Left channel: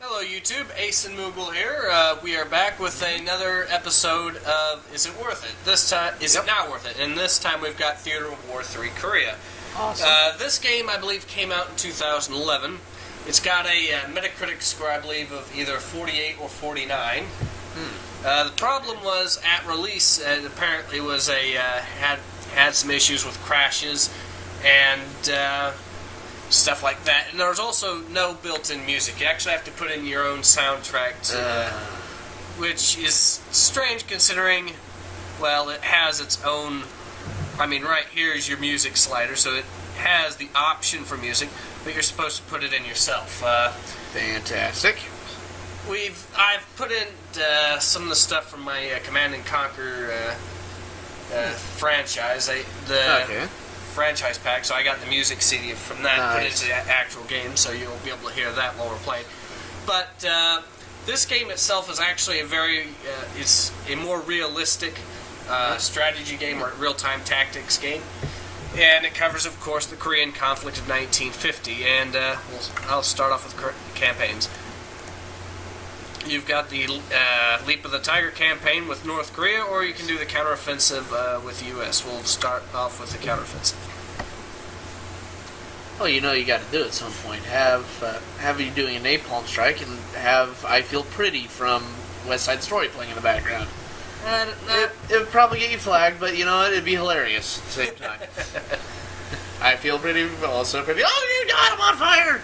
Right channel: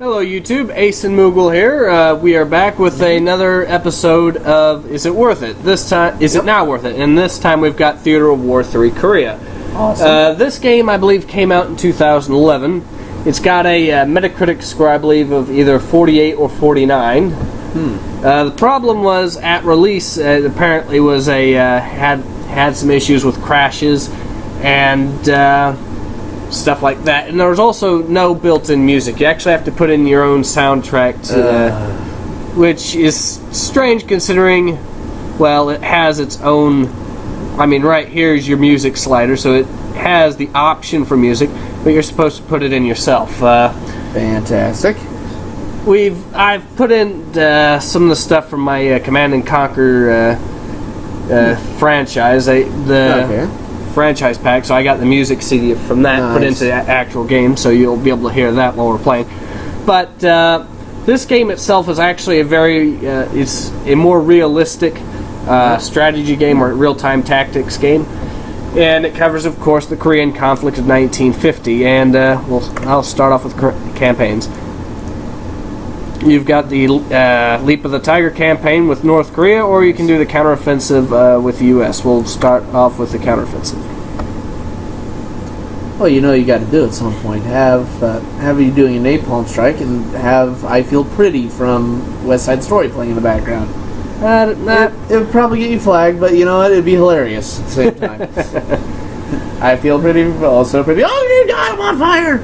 Hello YouTube, Ace and Moogle here. We are back with another episode of Is It Worth It? This time, Is It Now Worth It? And this time we've got Theater of War 3 Korea. Awesome. This game, I believe, came out in 2011. It's got a Metacritic score, I believe, of either 48 or 49. The problem was, at release, it apparently was had some issues with crashes and stuff like that. And there was also no built-in music. You actually have to put in your own soundtrack, which is strange considering, well, it has its own... I mean, right here's your music slider, so it has the option for music, but you're supposed to put it in yourself. Fantastic. I've put in some of the stuff from my Command and Conquer franchise. Franchise pack, so I got the music CD from that put into the actual game, so you'll be able to hear that while we're playing. But this game itself is actually it's a more realistic strategy game or real-time tactics game, and it covers, of course, the Korean conflict of 1950. And I'll start off with campaigns. You've got the Leap of the Tiger campaign with North Korea, or you can do the counteroffensive with the U.S. We'll start off with the counteroffensive. Well, you know you got to do it at some point. Have you doing a napalm strike and have I Feel Pretty from West Side Story playing in the background. It would probably get you flagged, but you know what? It'd be hilarious at the same time. I feel pretty, also pretty. Oh, you got him on fire!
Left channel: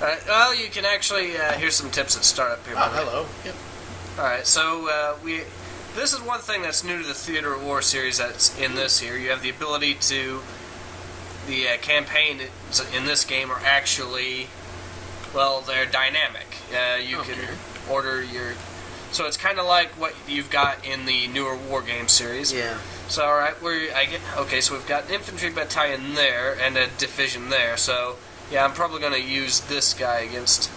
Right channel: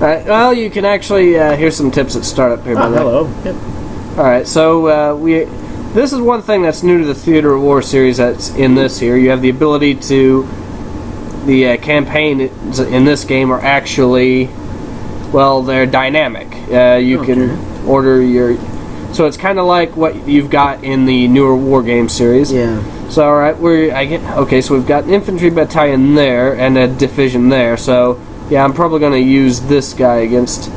Alright, well, you can actually, here's some tips at startup here, by the way. Hello. Yep. Alright, so, this is one thing that's new to the Theater of War series that's in this here. You have the ability to, the campaigns in this game are actually, well, they're dynamic. You can order your, so it's kind of like what you've got in the newer War Game series. Yeah. So, alright, so we've got an infantry battalion there and a division there, so... Yeah, I'm probably going to use this guy against...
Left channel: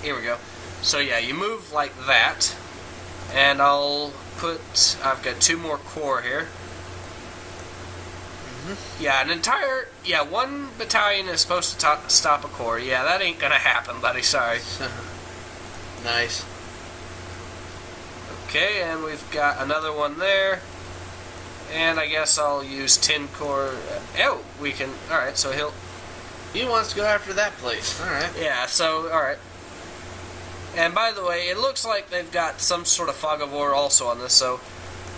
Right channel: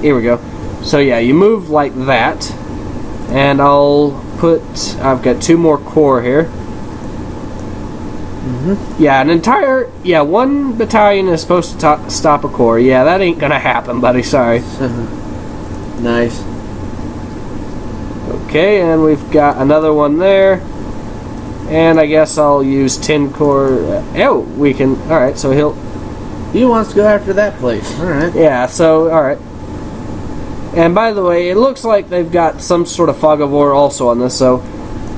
Here we go. So yeah, you move like that. And I've got 2 more corps here. Yeah, one battalion is supposed to stop a corps. Yeah, that ain't going to happen, buddy. Sorry. Nice. Okay, and we've got another one there. And I guess I'll use 10 corps. We can... Alright, so He wants to go after that place. Alright. Yeah, so, alright. And by the way, it looks like they've got some sort of fog of war also on this, so...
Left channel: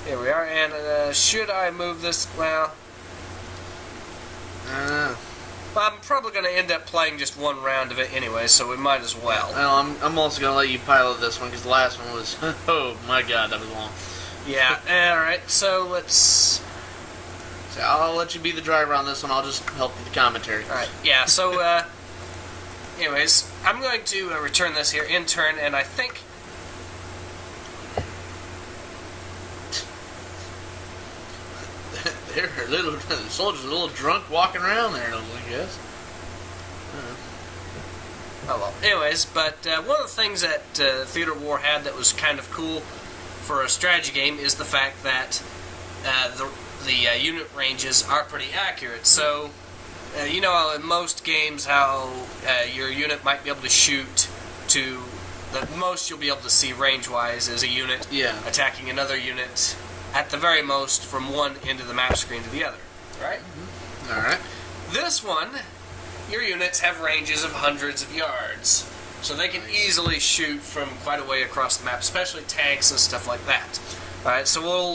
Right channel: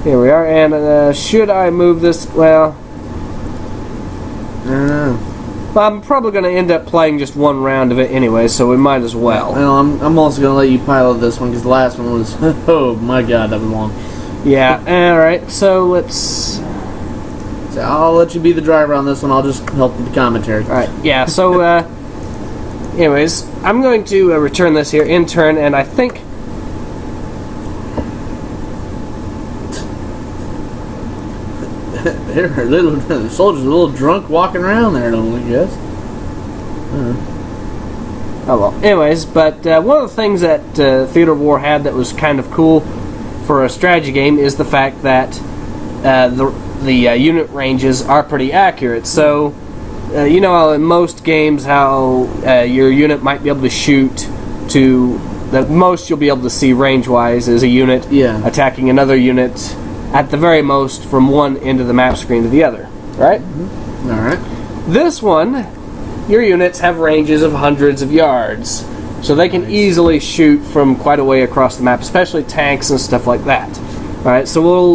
Here we are, and should I move this... Well... I'm probably going to end up playing just one round of it anyway, so we might as well. Well, I'm also going to let you pilot this one, because the last one was... Oh my god, that was long. Yeah, alright, so let's... So I'll let you be the driver on this one, I'll just help with the commentary. Alright, yeah, so, anyways, I'm going to return this here in turn, and I think... The soldiers are a little drunk walking around there, I guess. Oh well. Anyways, but one of the things that Theater of War had that was kind of cool for a strategy game is the fact that the unit ranges are pretty accurate. So, you know, in most games, how your unit might be able to shoot to the most you'll be able to see range-wise is a unit attacking another unit at the very most from one end of the map screen to the other, right? Mm-hmm. All right. This one, your units have ranges of hundreds of yards. So they can easily shoot from quite a way across the map, especially tanks and stuff like that. Alright, so we'll...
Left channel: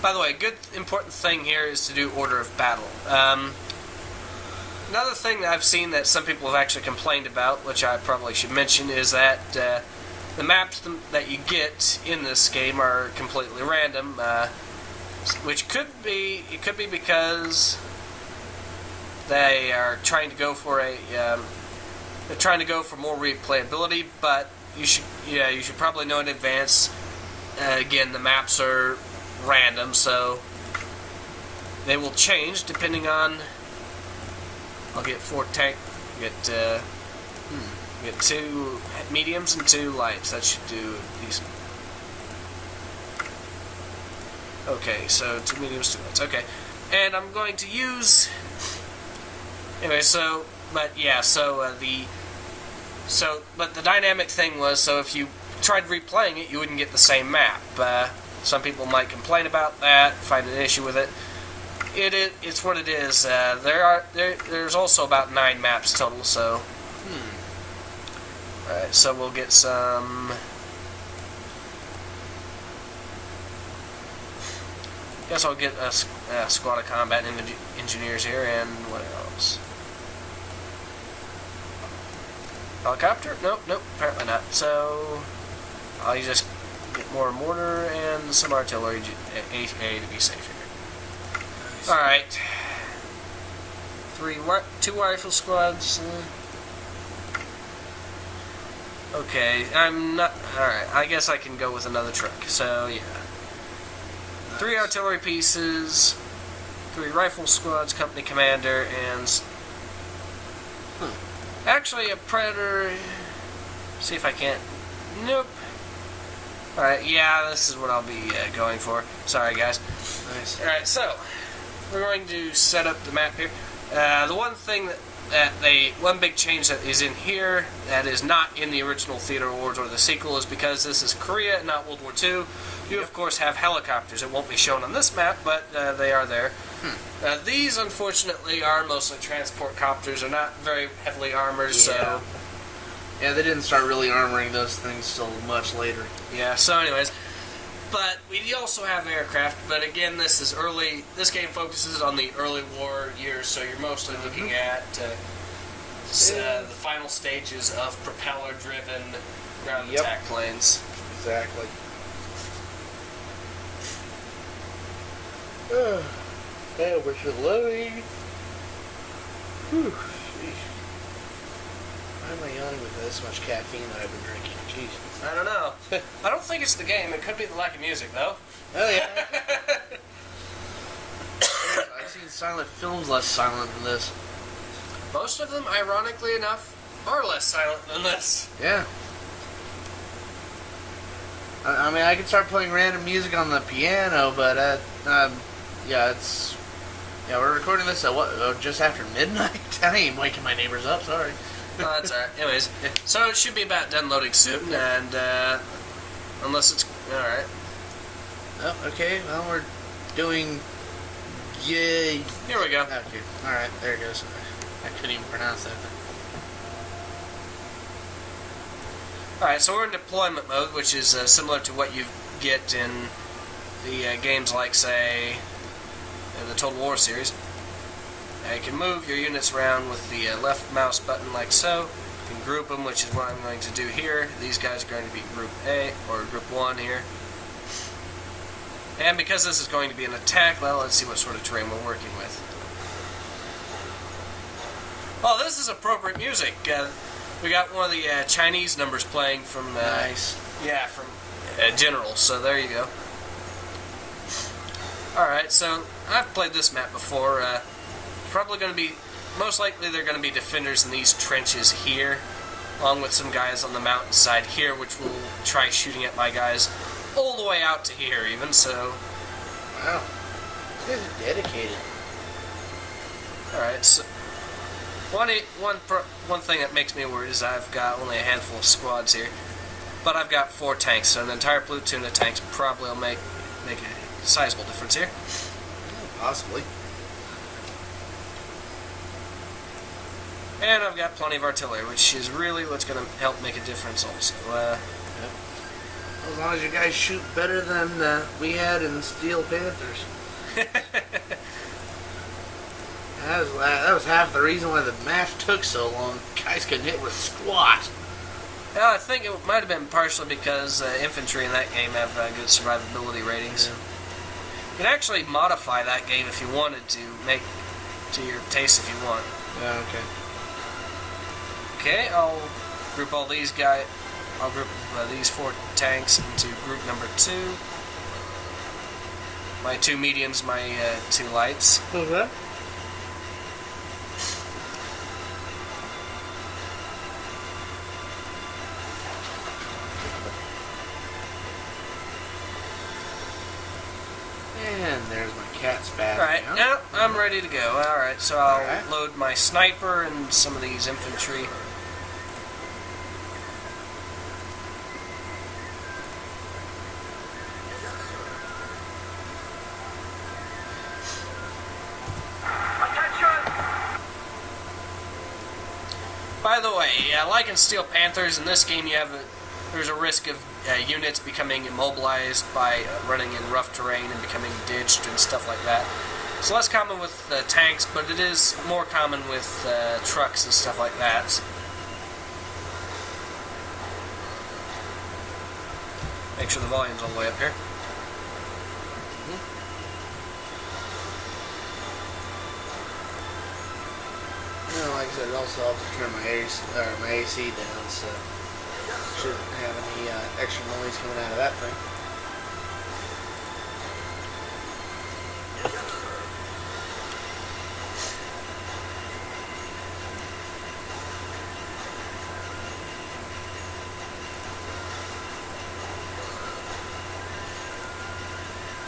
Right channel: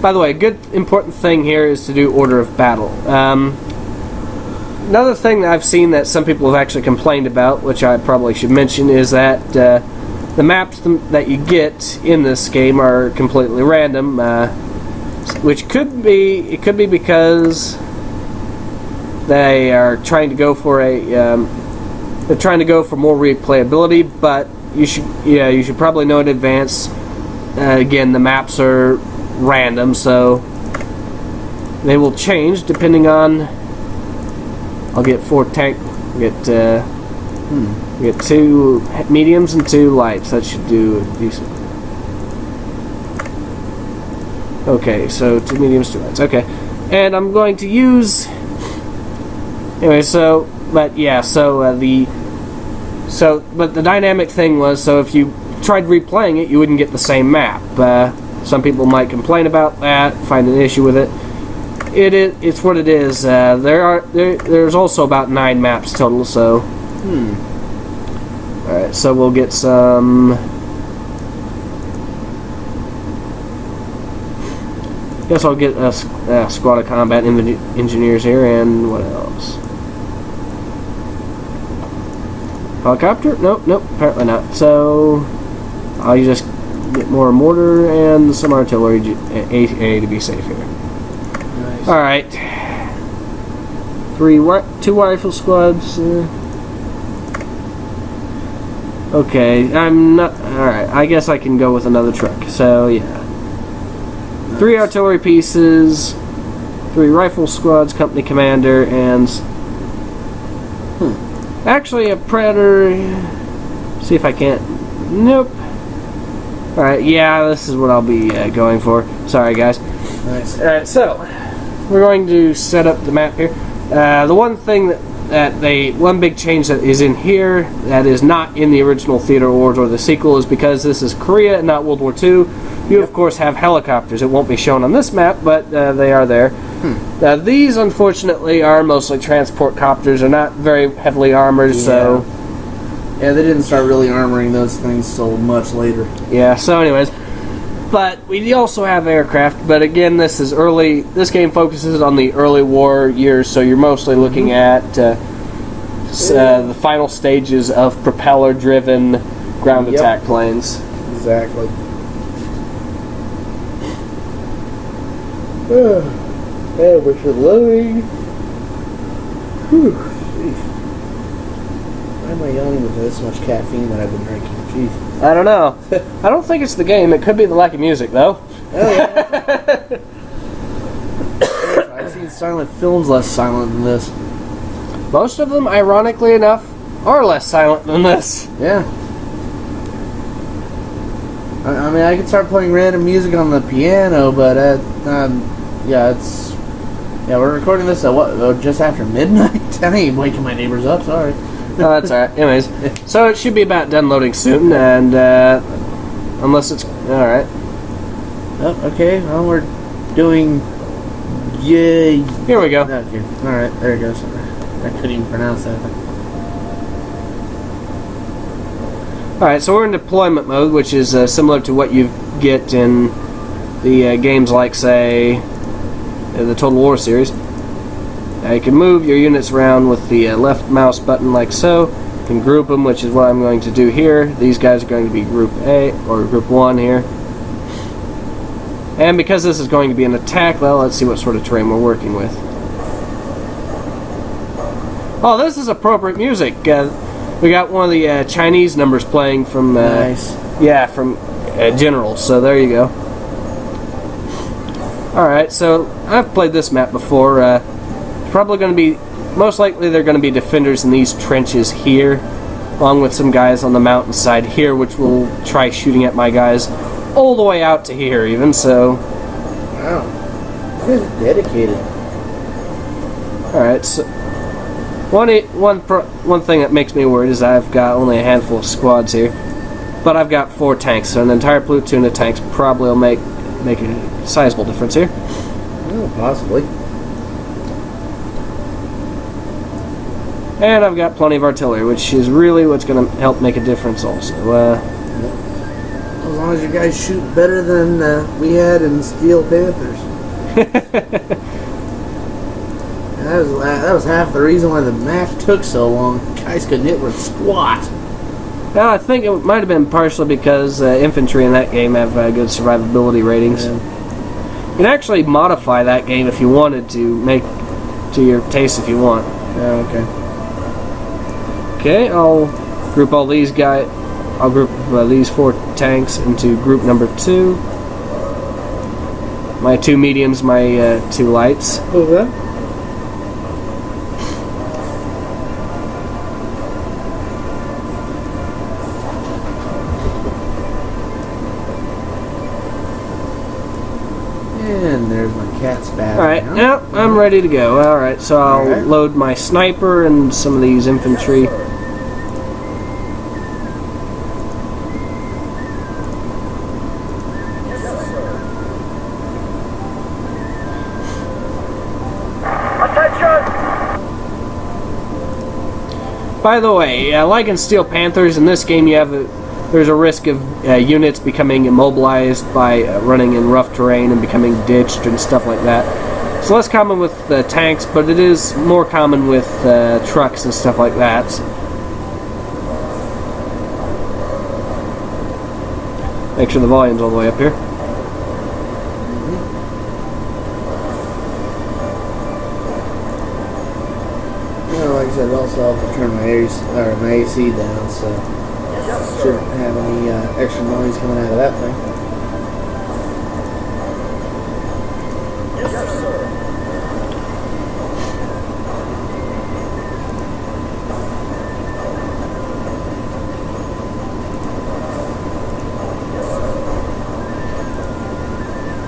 By the way, a good important thing here is to do order of battle. Another thing that I've seen that some people have actually complained about, which I probably should mention, is that the maps that you get in this game are completely random, which could be because they are trying to go for they're trying to go for more replayability, but you should probably know in advance. Again, the maps are random, so they will change depending on. I'll get 4 tank. Get 2 mediums and 2 lights. That should do decent. Okay, so 2 mediums, 2 lights. Okay, and I'm going to use. Anyway, so but yeah, so the So, but the dynamic thing was, so if you tried replaying it, you wouldn't get the same map. Some people might complain about that, find an issue with it. It's what it is. There's also about 9 maps total. So, all right. So we'll get some. Guess I'll get a squad of combat engineers here, and what else? Helicopter? Nope, apparently not. So I'll just get more mortar and some artillery AA to be safe here. Nice. All right, 2 rifle squads. Okay, I'm not. All right, I guess I can go with another truck. So yeah. 3 artillery pieces, 3 rifle squads, company commander, and actually a predator. See if I can't. Nope. All right, yeah, this is what I'll be going for. Sorry, guys. Nice. All right, so we're going to set up the map here. The one thing one big change that is in here that is not in the original Theater Wars or the sequel is because this is Korea and not World War II. You, of course, have helicopters. It won't be shown on this map, but they are there. These, unfortunately, are mostly transport copters. They're not very heavily armored, so... Yeah, they didn't start really armoring those things till much later. Yeah, so anyways. But we also have aircraft, but again, this is early... This game focuses on the early war years, so you're mostly looking at the final stages of propeller-driven ground attack planes. Exactly. Yeah, we're loading. Whew, jeez. Why am I yawning with this much caffeine that I've been drinking? Jeez. I don't know. I don't think it's the game. It could be the lack of music, though. Oh, yeah. I've seen silent films less silent than this. Most of them, ironically enough, are less silent than this. Yeah. I mean, I could start playing random music on the piano, but yeah, we're recording this at just after midnight? I ain't waking my neighbors up, sorry. Oh, that's alright. Anyways, so it should be about done loading soon, and unless it's... Alright. Oh, okay, well, we're doing... Yay. Here we go. Okay, alright, there it goes. I couldn't even pronounce that. Alright, so we're in deployment mode, which is similar to what you get in the games like, say, the Total War series. You can move your units around with the left mouse button like so. You can group them, which is what I'm going to do here. These guys are going to be Group A, or Group 1 here. And because this is going to be an attack, well, let's see what sort of terrain we're working with. Oh, this is appropriate music. We got one of the Chinese numbers playing from... nice. Yeah, from General, so there you go. Alright, so I've played this map before. Probably going to be... Most likely they're going to be defenders in these trenches here, along with some guys on the mountainside here, which will try shooting at my guys all the way out to here, even, so... Wow. You guys are dedicated. Alright, so... One thing that makes me worried is I've got only a handful of squads here, but I've got 4 tanks, so an entire platoon of tanks probably will make a sizable difference here. Oh, possibly. And I've got plenty of artillery, which is really what's going to help make a difference also. Yep. As long as you guys shoot better than we had in Steel Panthers. That was half the reason why the match took so long. Guys couldn't hit with squat. Yeah, I think it might have been partially because infantry in that game have good survivability ratings. Yeah. You can actually modify that game if you wanted to, make to your taste if you want. Yeah, okay. Okay, I'll group all these guys. I'll group these 4 tanks into group number 2. My 2 mediums, my 2 lights. Okay. And there's my cat's back. Alright, now I'm ready to go. Alright, so I'll load my sniper and some of these infantry. By the way, like in Steel Panthers, in this game there's a risk of units becoming immobilized by running in rough terrain and becoming ditched and stuff like that. It's less common with tanks, but it is more common with trucks and stuff like that. Make sure the volume's all the way up here. Like I said, also have to turn my AC down, so shouldn't have any extra noise coming out of that thing.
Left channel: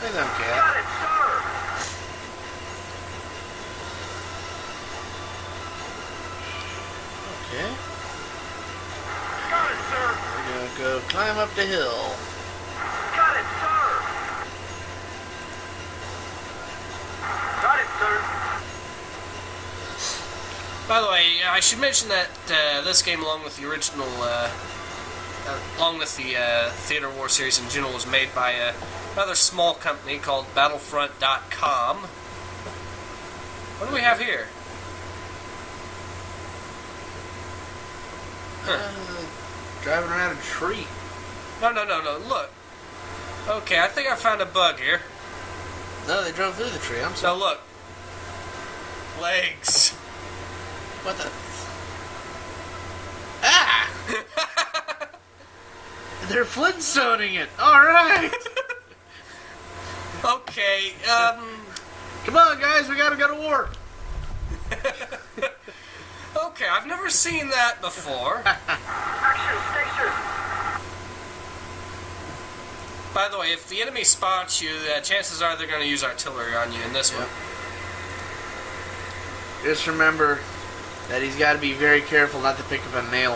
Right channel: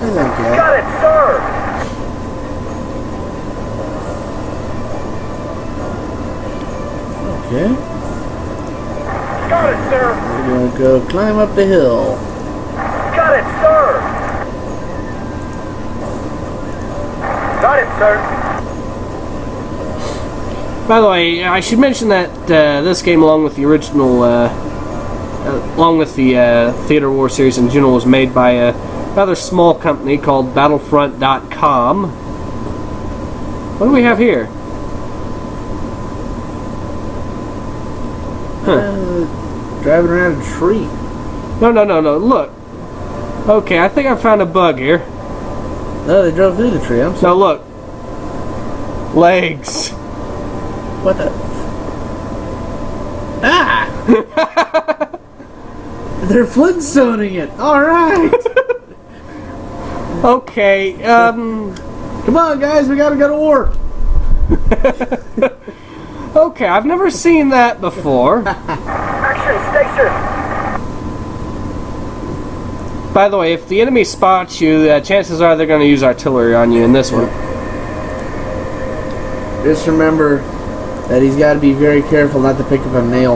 He's okay. Got it, sir! Okay. Got it, sir! We're gonna go climb up the hill. Got it, sir! Got it, sir! By the way, I should mention that this game, along with the original, along with the Theater War series in general, was made by a rather small company called Battlefront.com. What do we have here? Driving around a tree. No, look. Okay, I think I found a bug here. No, they drove through the tree. I'm sorry. No, look. Legs. What the? Ah! They're Flintstoning it. All right. Okay, Come on, guys. We gotta go to war. Okay, I've never seen that before. Action station! By the way, if the enemy spots you, chances are they're going to use artillery on you in this one. Just remember that he's got to be very careful not to pick up a nail.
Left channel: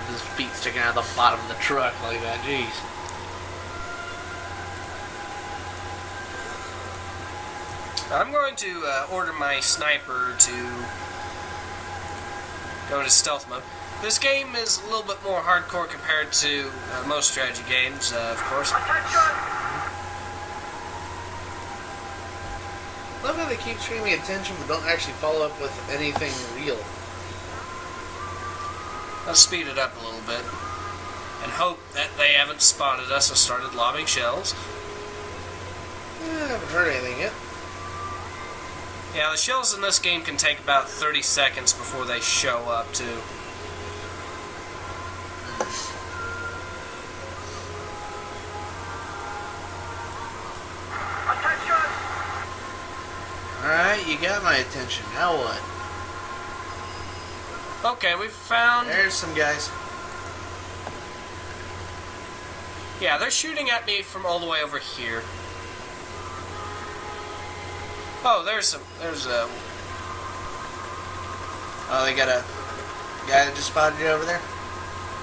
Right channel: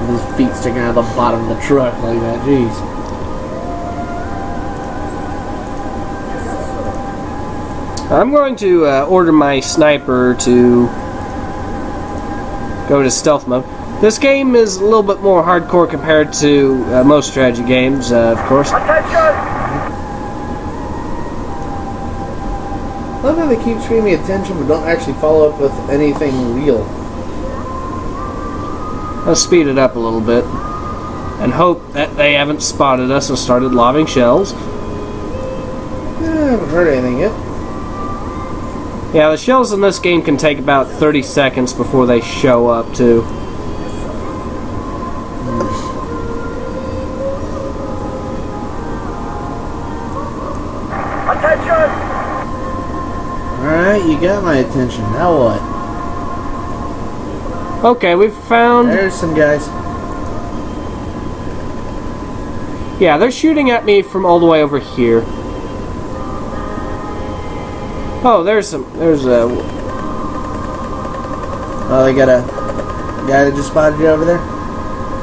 With his feet sticking out of the bottom of the truck like that. Jeez. I'm going to order my sniper to go to stealth mode. This game is a little bit more hardcore compared to most strategy games, of course. Attention! Love how they keep screaming attention but don't actually follow up with anything real. Let's speed it up a little bit and hope that they haven't spotted us and started lobbing shells. I haven't heard anything yet. Yeah, the shells in this game can take about 30 seconds before they show up, too. Attention! Alright, you got my attention. Now what? Okay, we've found... There's some guys. Yeah, they're shooting at me from all the way over here. Oh, there's a... Oh, they got a guy that just spotted you over there?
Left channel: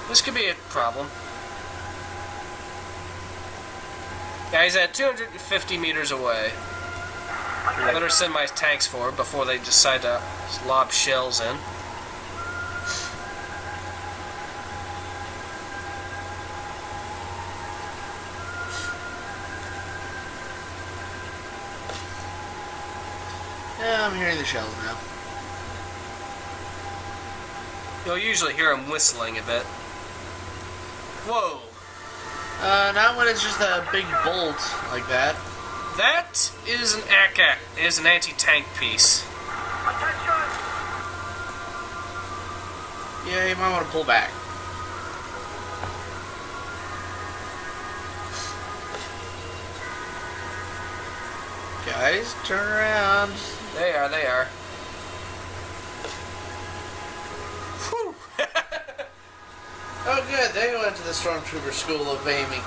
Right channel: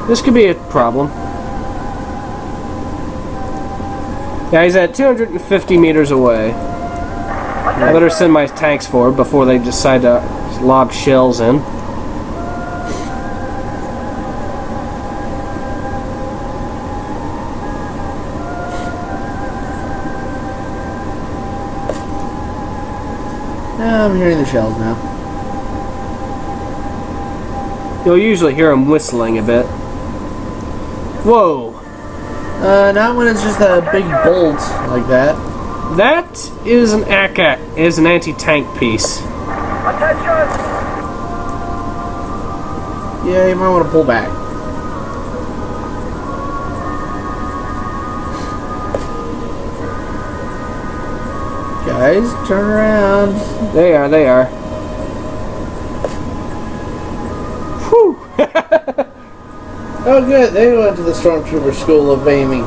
This could be a problem. Yeah, he's at 250 meters away. I better send my tanks forward before they decide to lob shells in. Yeah, I'm hearing the shells now. You'll usually hear them whistling a bit. Whoa! Not when it's just a big bolt like that. That is an ACAC, is an anti-tank piece. Attention! Yeah, you might want to pull back. Guys, turn around. They are. Whew! Oh, good. They went to the Stormtrooper School of Aiming.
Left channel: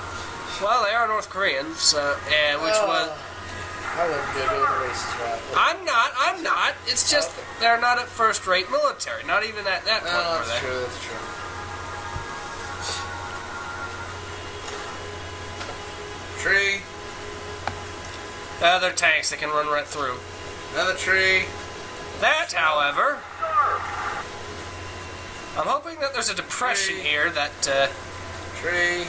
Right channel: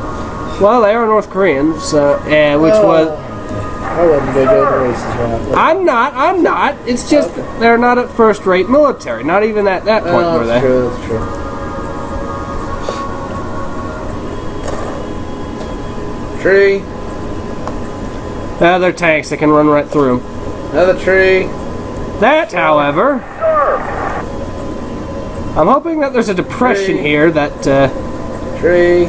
Well, they are North Koreans, so yeah, which was. I wasn't going to go to races right now. I'm not. It's just they're not at first-rate military. Not even at that point were they? That's true. Tree. They're tanks that can run right through them. Another tree. That, however, Sir! I'm hoping that there's a depression here that... Tree.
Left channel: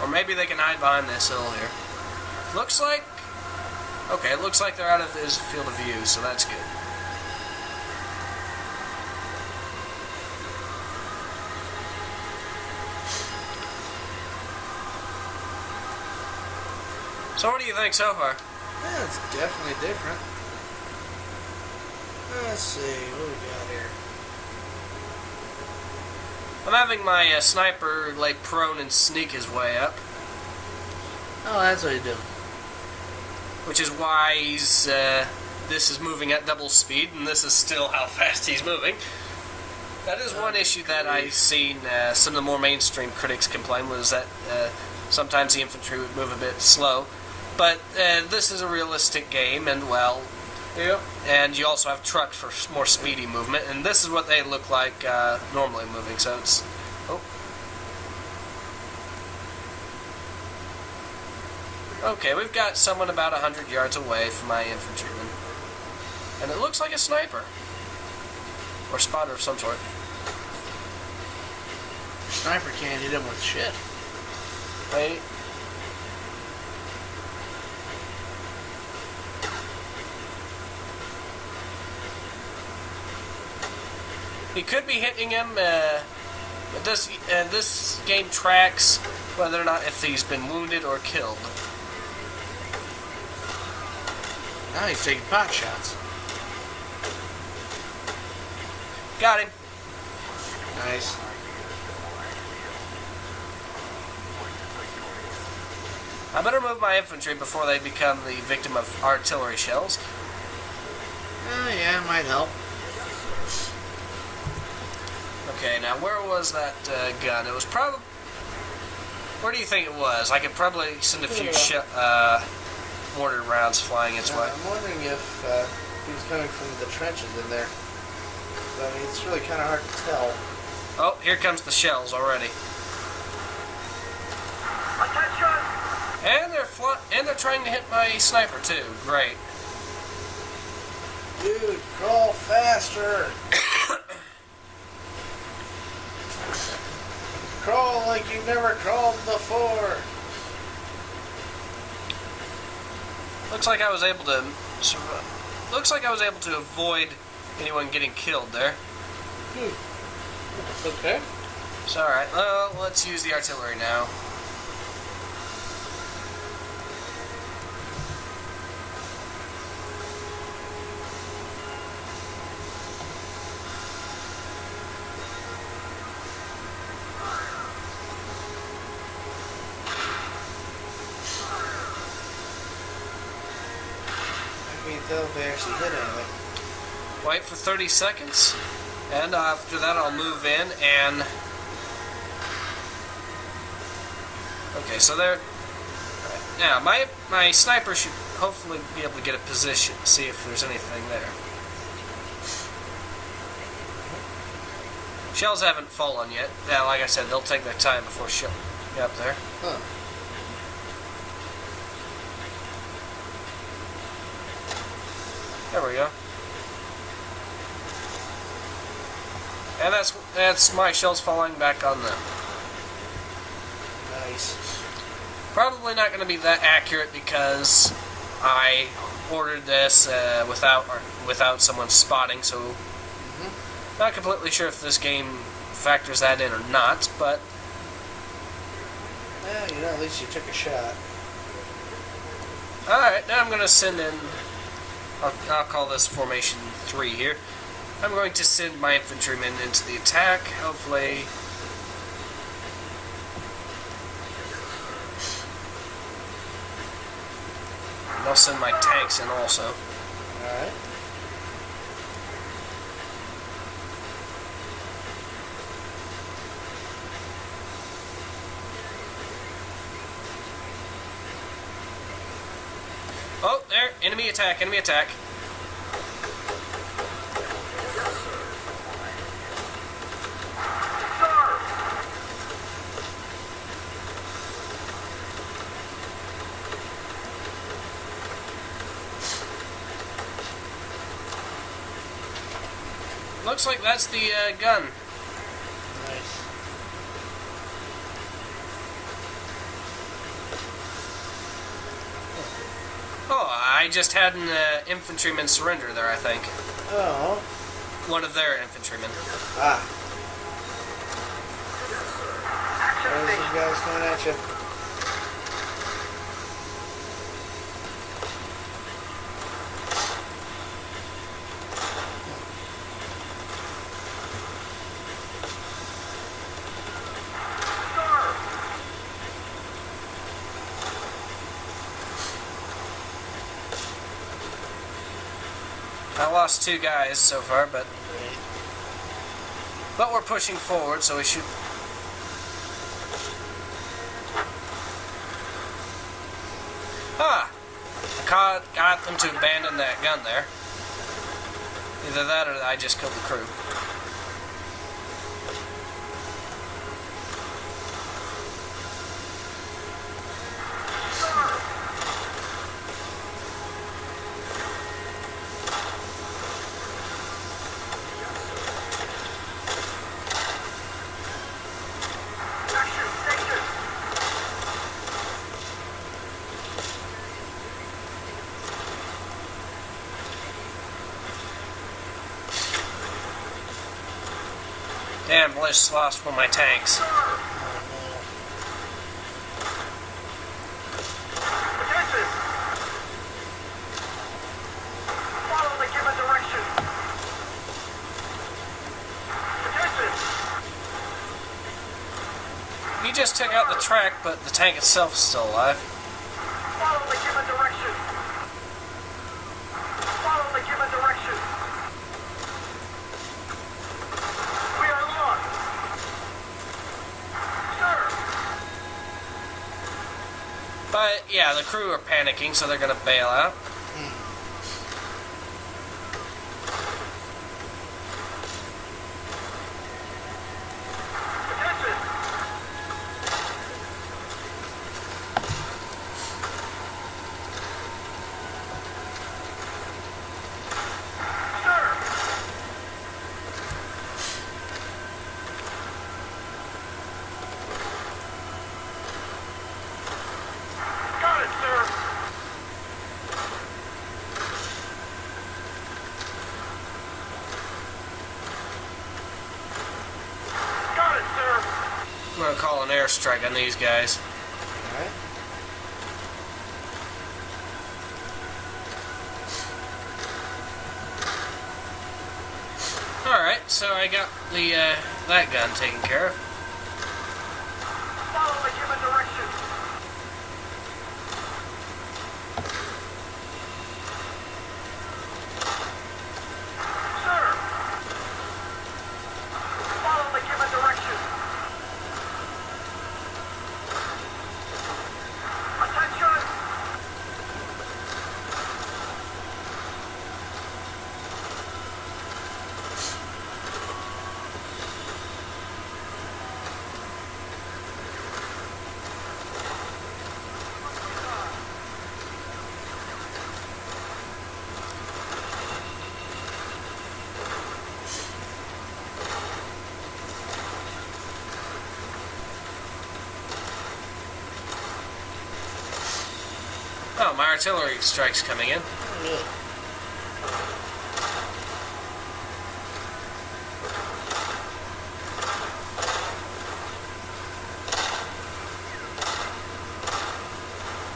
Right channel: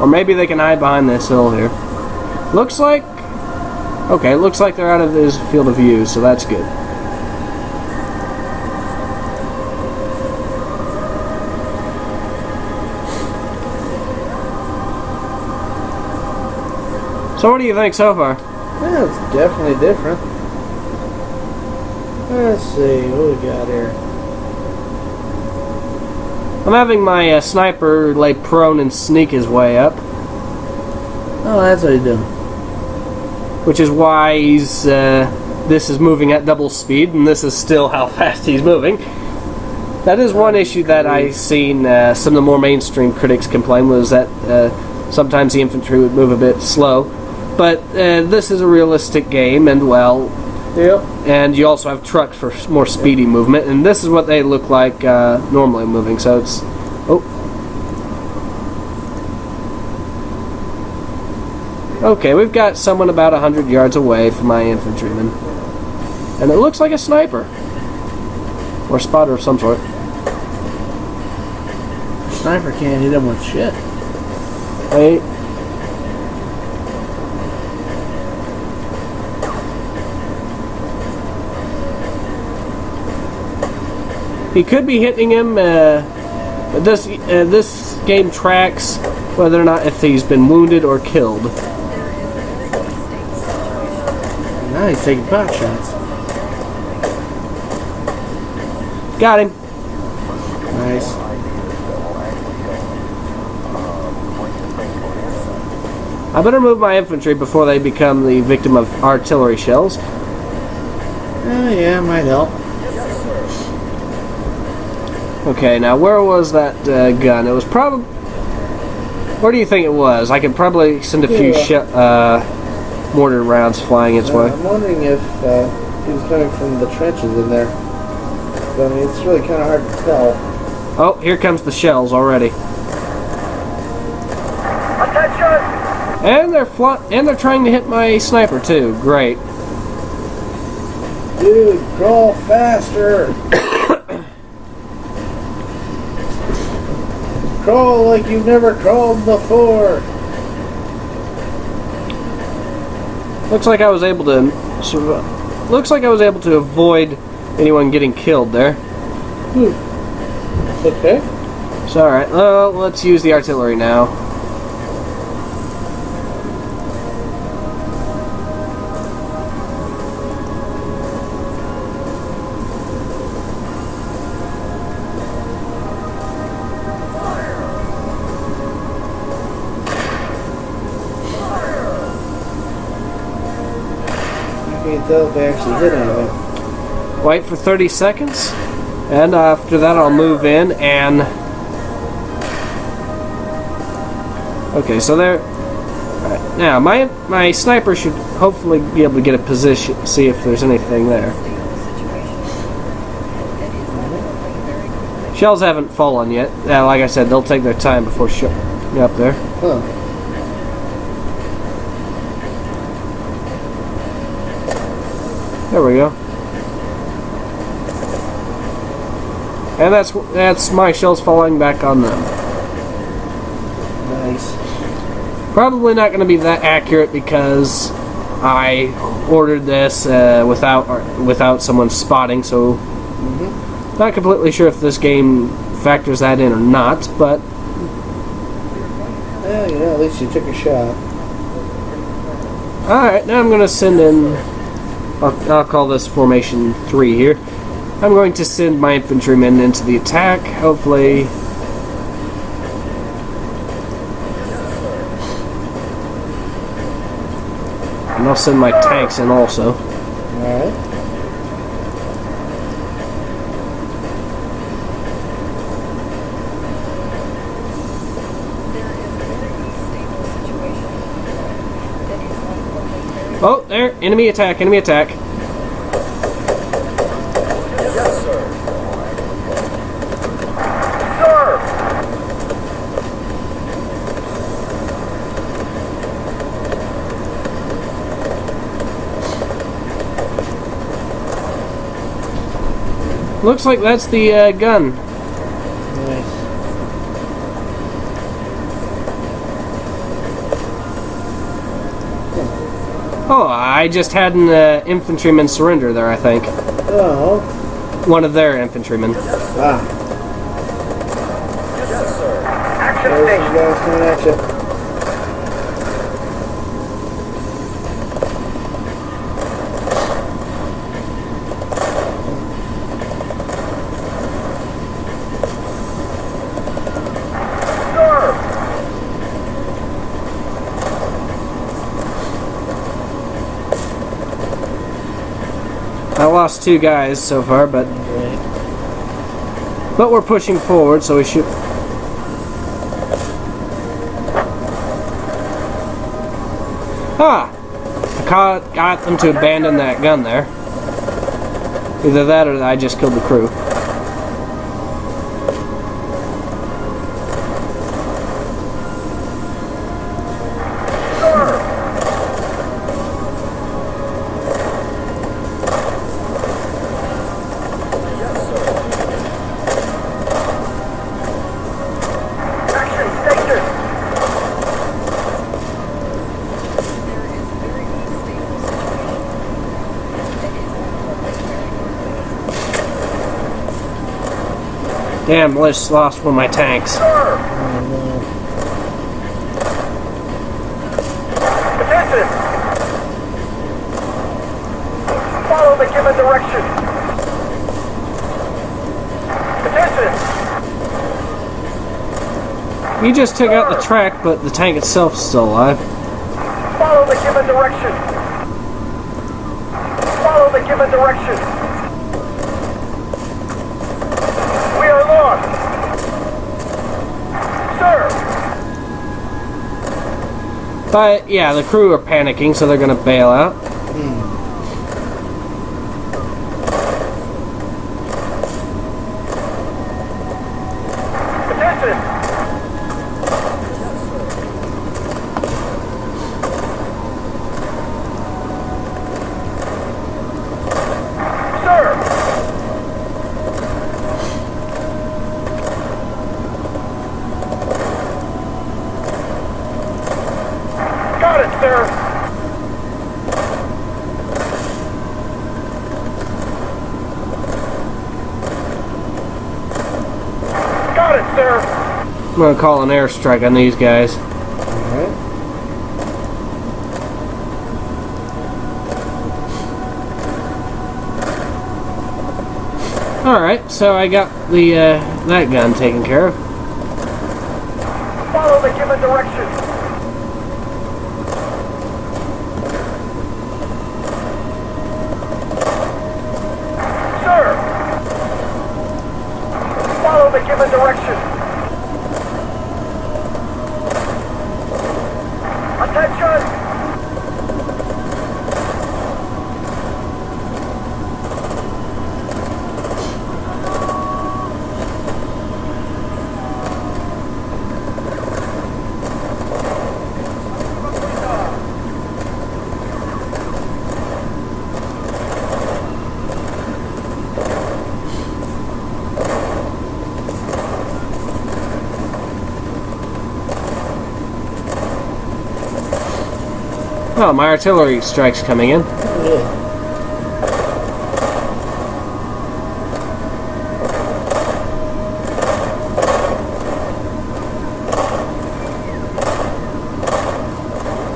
Or maybe they can hide behind this hill here. Looks like... Okay, looks like they're out of his field of view, so that's good. So what do you think so far? Yeah, it's definitely different. Let's see, what we got here? I'm having my sniper lay prone and sneak his way up. Oh, that's what he's doing. Which is why he's... this is moving at double speed, and this is still how fast he's moving. That is one issue that I've seen some of the more mainstream critics complain, was that sometimes the infantry would move a bit slow. But this is a realistic game, and well... Yep. And you also have trucks for more speedy movement, and this is what they look like normally moving, so it's... Oh. Okay, we've got someone about 100 yards away from my infantryman. And it looks like a sniper. Or a spotter of some sort. Sniper can't hit him with shit. Wait. He could be hitting him. This game tracks whether or not if he's been wounded or killed. Now he's taking pot shots. Got him. Nice. I better move my infantry before they become the victim of artillery shells. Oh yeah, might help. Okay, now where was that gun? It was probably... Where do you think it was? I could probably send a few mortar rounds flying its way. I'm wondering if he was coming from the trenches in there. But, I mean, it's really kind of hard to tell. Oh, here comes the shells already. Attention! And they're trying to hit my sniper too. Great. Dude, crawl faster! Crawl like you've never crawled before. Looks like I was able to avoid anyone getting killed there. Okay. So alright, well, let's use the artillery now. If they actually hit anything. Wait for 30 seconds, and after that I'll move in and... Okay, so there... Right, now, my sniper should hopefully be able to get a position, see if there's anything there. Shells haven't fallen yet. Yeah, like I said, they'll take their time before shooting up there. Huh. There we go. And that's my shells falling back on them. Nice. Probably not going to be that accurate because I ordered this without someone spotting, so not completely sure if this game factors that in or not, but Yeah, you know, at least you took a shot. alright, now I'm going to send in, I'll call this Formation 3 here. I'm going to send my infantrymen into the attack, hopefully. And I'll send my tanks in also. Alright. Oh, there, enemy attack, enemy attack. Sir! Looks like that's the gun. Nice. Oh, I just had an infantryman surrender there, I think. Oh. One of their infantrymen. Ah. Action There's station. some guys coming at you. Sir. I lost 2 guys so far, but we're pushing forward, so we should. Ah! Got them to abandon that gun there. Either that or I just killed the crew. Action station. Damn, lost one of my tanks. Sir. Attention. Follow the given direction. Attention. You just took out the track, but the tank itself is still alive. Follow the given direction. Follow the given direction. We are lost. Sir. But yeah, the crew are panicking, so they're gonna bail out. Attention. Sir. Got it, sir. Got it, sir. I'm gonna call an airstrike on these guys. Alright. Alright, so I got the that gun taken care of. Follow the given direction. Sir. Follow the given direction. Attention. Oh, my artillery strike's coming in.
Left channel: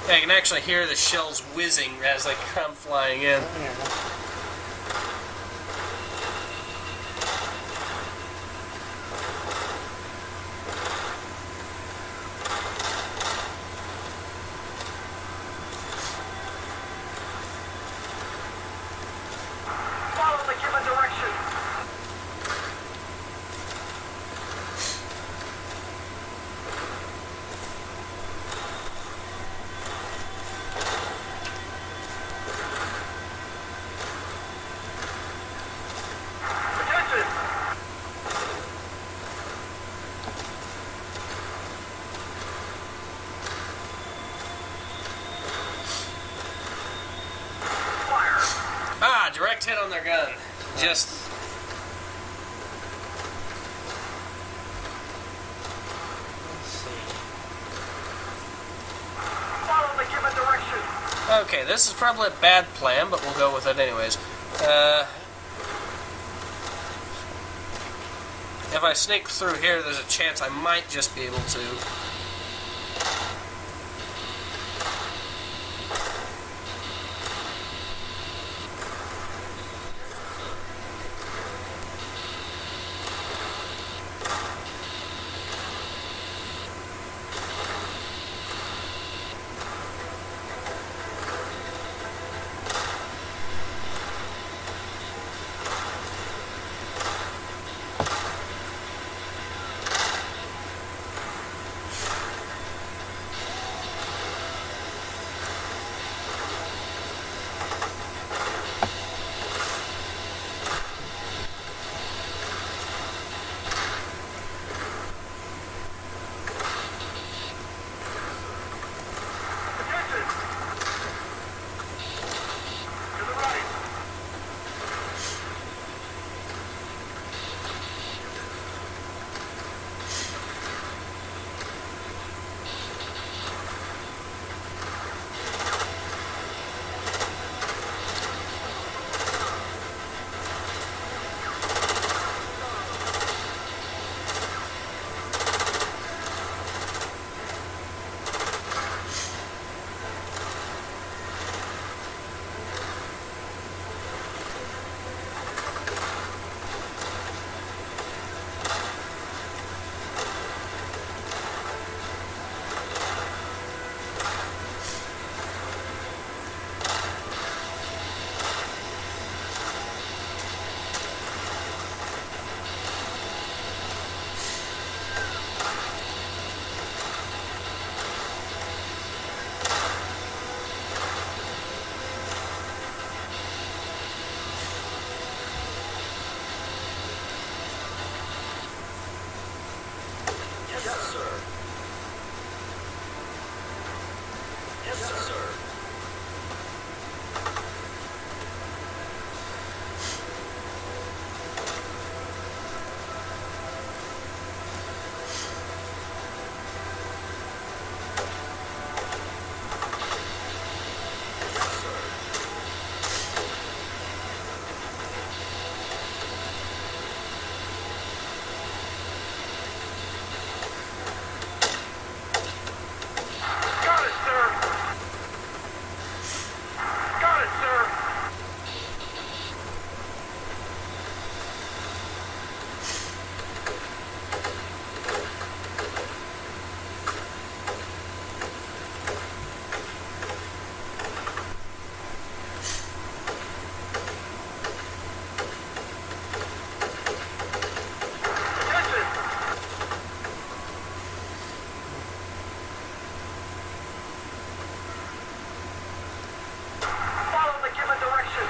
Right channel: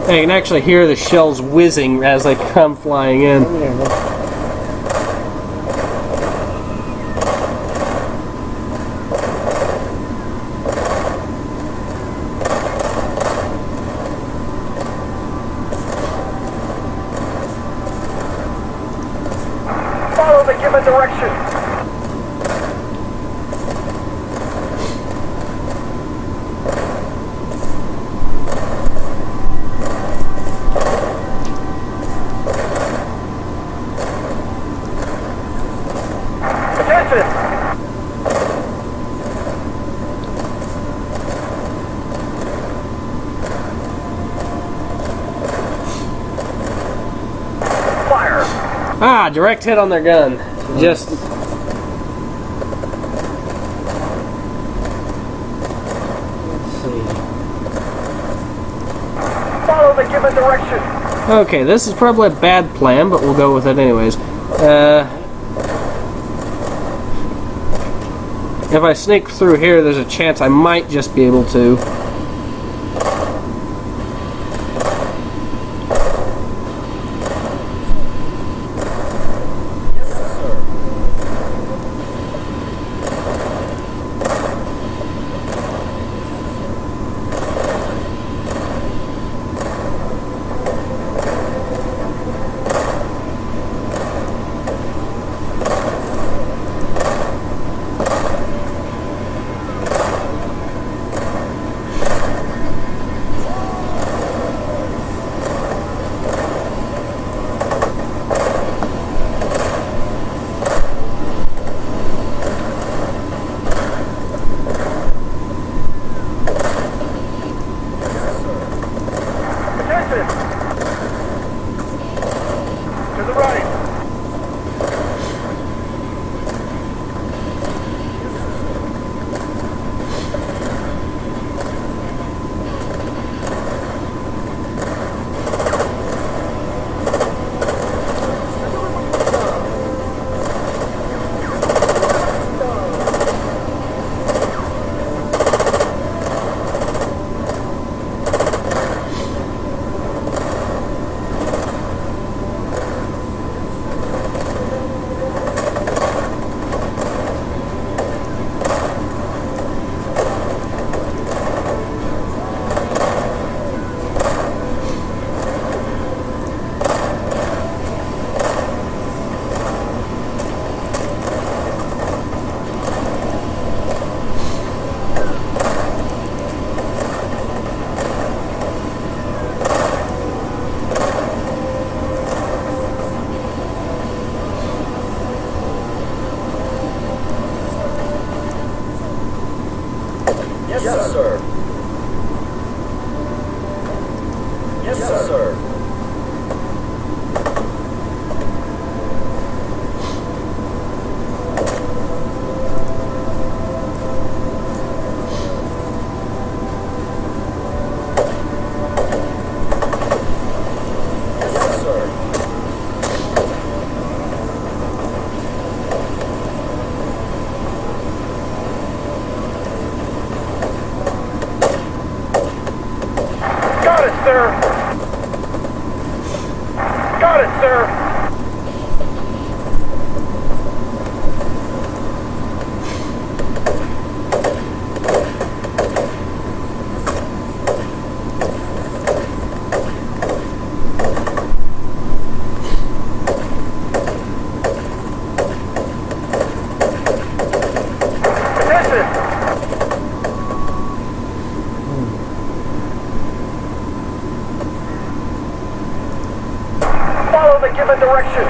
Yeah, you can actually hear the shells whizzing as they come flying in. Follow the given direction. Attention. Fire. Ah, direct hit on their gun. Just given direction. Okay, this is probably a bad plan, but we'll go with it anyways. If I sneak through here, there's a chance I might just be able to. Attention. To the right. Yes, sir. Yes, sir. Got it, sir. Got it, sir. Attention. Follow the given direction.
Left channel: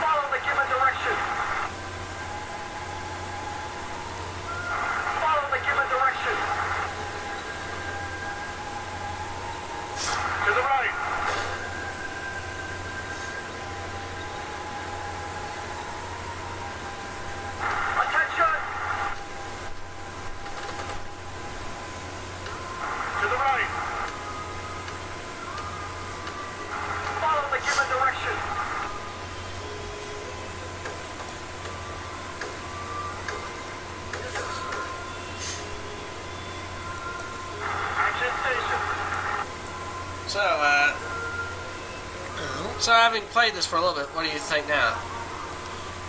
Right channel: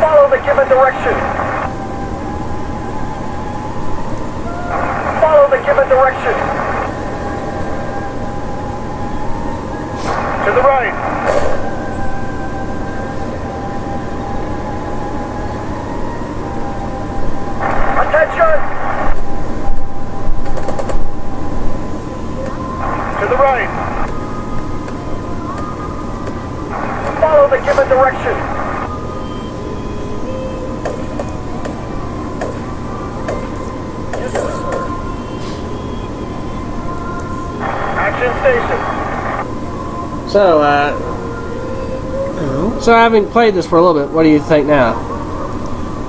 Follow the given direction. Follow the given direction. To the right. Attention! To the right. Follow the given direction. Action station. So having played this for a little bit, what do you think now?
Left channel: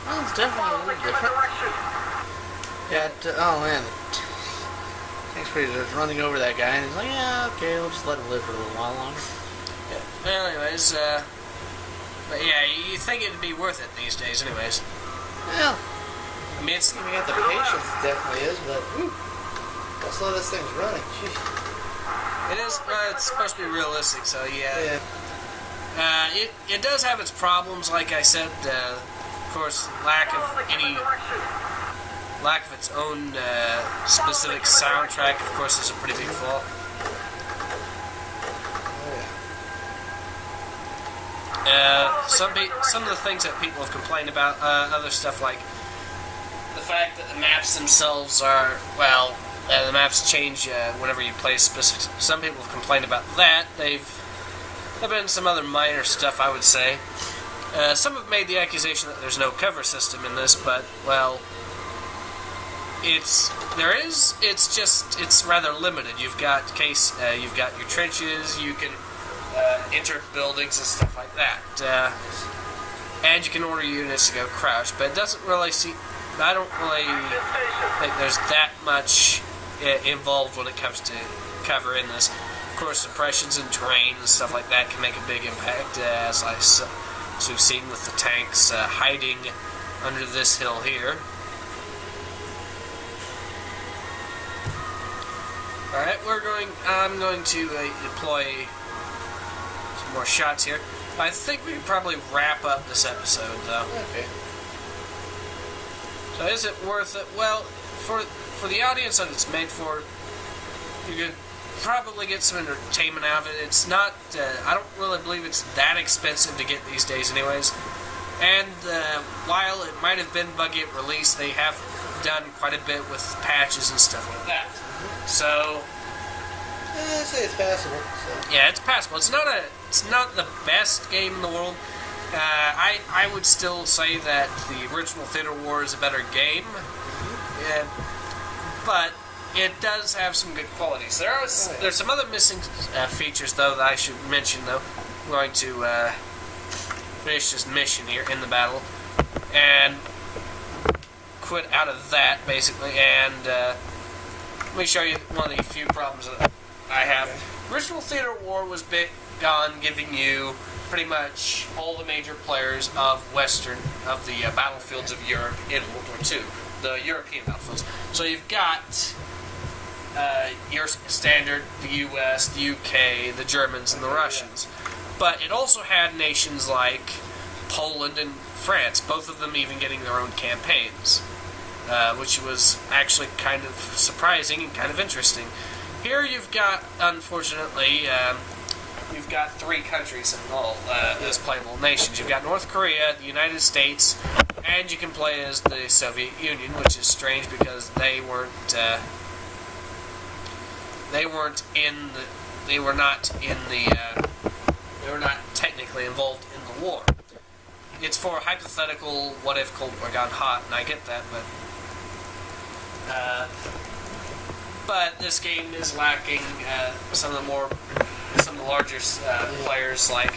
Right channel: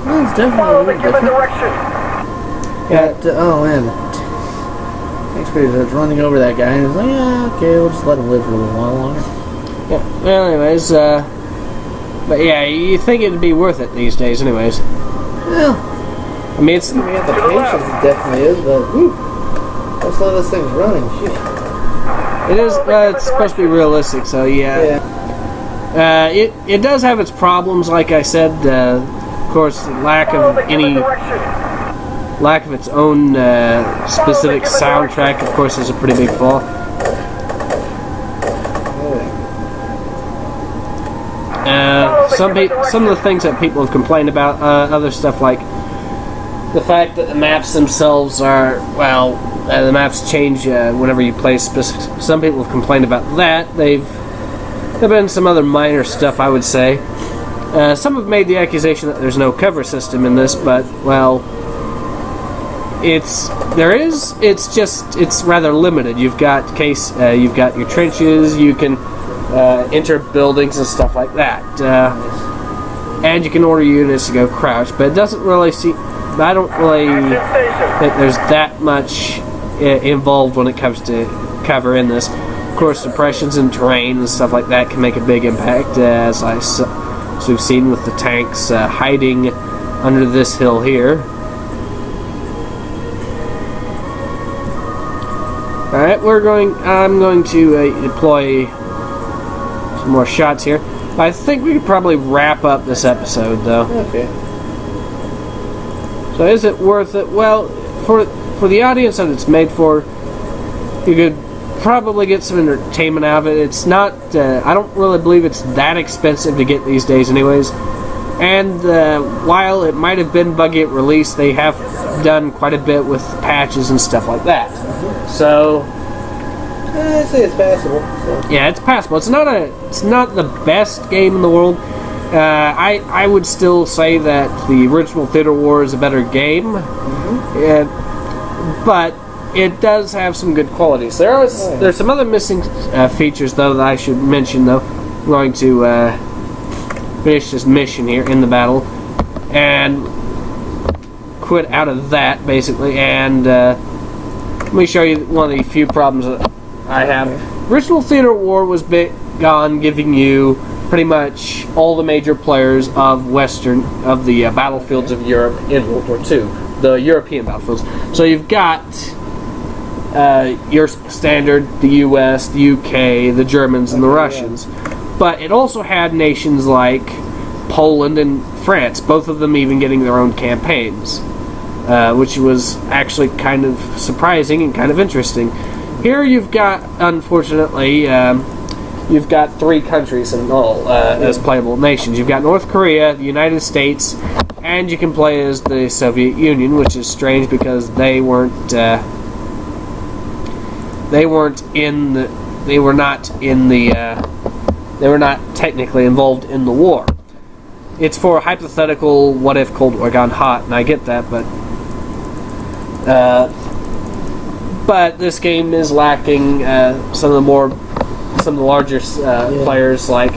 Well, it's definitely a Follow the little given different. direction. But, oh man, thanks for just running over that guy, and it's like, yeah, okay, we'll just let him live for a little while longer. Yeah. Well, anyways, but yeah, you think it'd be worth it these days, anyways. Well, I mean, it's the patience it definitely is, but whew, let's let this thing's running. Shit. it is it's supposed to be realistic, so yeah. It does have its problems, like I said. Of course, lack Follow of the given any direction. lack of its own specific soundtrack, of course, is a pretty big flaw. Yeah. some of the things that people have complained about, other stuff like the fact that the maps themselves are, the maps change whenever you play specific. Some people have complained about that. There've been some other minor stuff, I would say. Some have made the accusation that there's no cover system in this, but it's rather limited. You've got your trenches. You can enter buildings and stuff like that, and you can order units to go crouch. But it doesn't really I don't really think there's that much involved when it comes to cover in this. Of course, suppressions and terrain and stuff like that can make a big impact, as we've seen with the tanks hiding under this hill here. Alright, I'm going to deploy some more shots here. I think we could probably wrap up this episode, though. Okay. So is it worth it? Well, for the audience that it's made for, you could probably get some entertainment out of it. It's not, I don't really believe it's that expensive to get these days anyways. And while it might have been buggy at release, they have done quite a bit with patches and stuff like that. So I'd say it's passable. So. Yeah, it's passable. It's not the best game in the world. I would still say that the original Theater War is a better game, but it does have some good qualities. There's some other missing features though that I should mention. Though I'm going to finish this mission here in the battle and quit out of that basically, and let me show you one of the few problems that I have. Original Theater War was big on giving you pretty much all the major players of the battlefields of Europe in World War II, the European battlefields. So you've got your standard, the US, the UK, the Germans, and the Russians. But it also had nations like Poland and France, both of them even getting their own campaigns, which was actually kind of surprising and kind of interesting. Here you've got, unfortunately, you've got three countries in all as playable nations. You've got North Korea, the United States, and you can play as the Soviet Union, which is strange because they were not technically involved in the war. It's for hypothetical what if Cold War gone hot, and I get that, but this game is lacking some of the larger players like,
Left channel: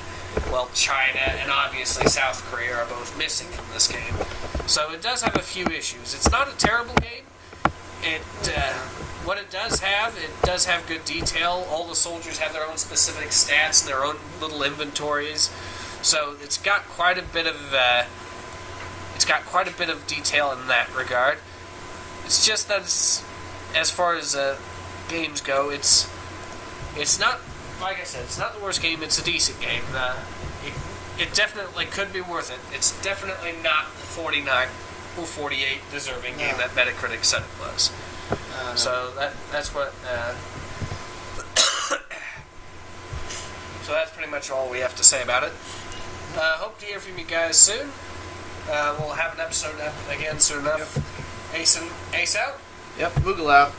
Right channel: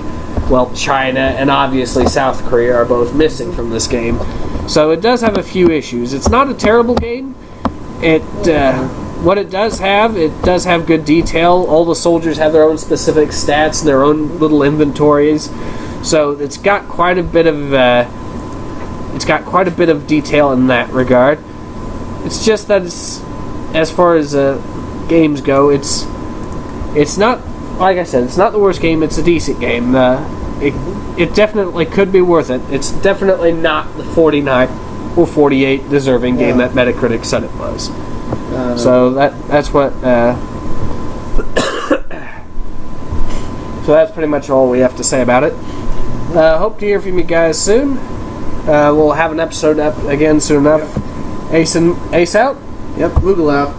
China and obviously South Korea are both missing from this game. So it does have a few issues. It's not a terrible game. What it does have good detail. All the soldiers have their own specific stats and their own little inventories. So it's got quite a bit of detail in that regard. It's just that as far as games go, it's not, like I said, it's not the worst game. It's a decent game. It definitely could be worth it. It's definitely not the 49 or 48 deserving game that Metacritic said it was. So that's what. So that's pretty much all we have to say about it. Hope to hear from you guys soon. We'll have an episode up again soon enough. Ace out. Yep, Google out.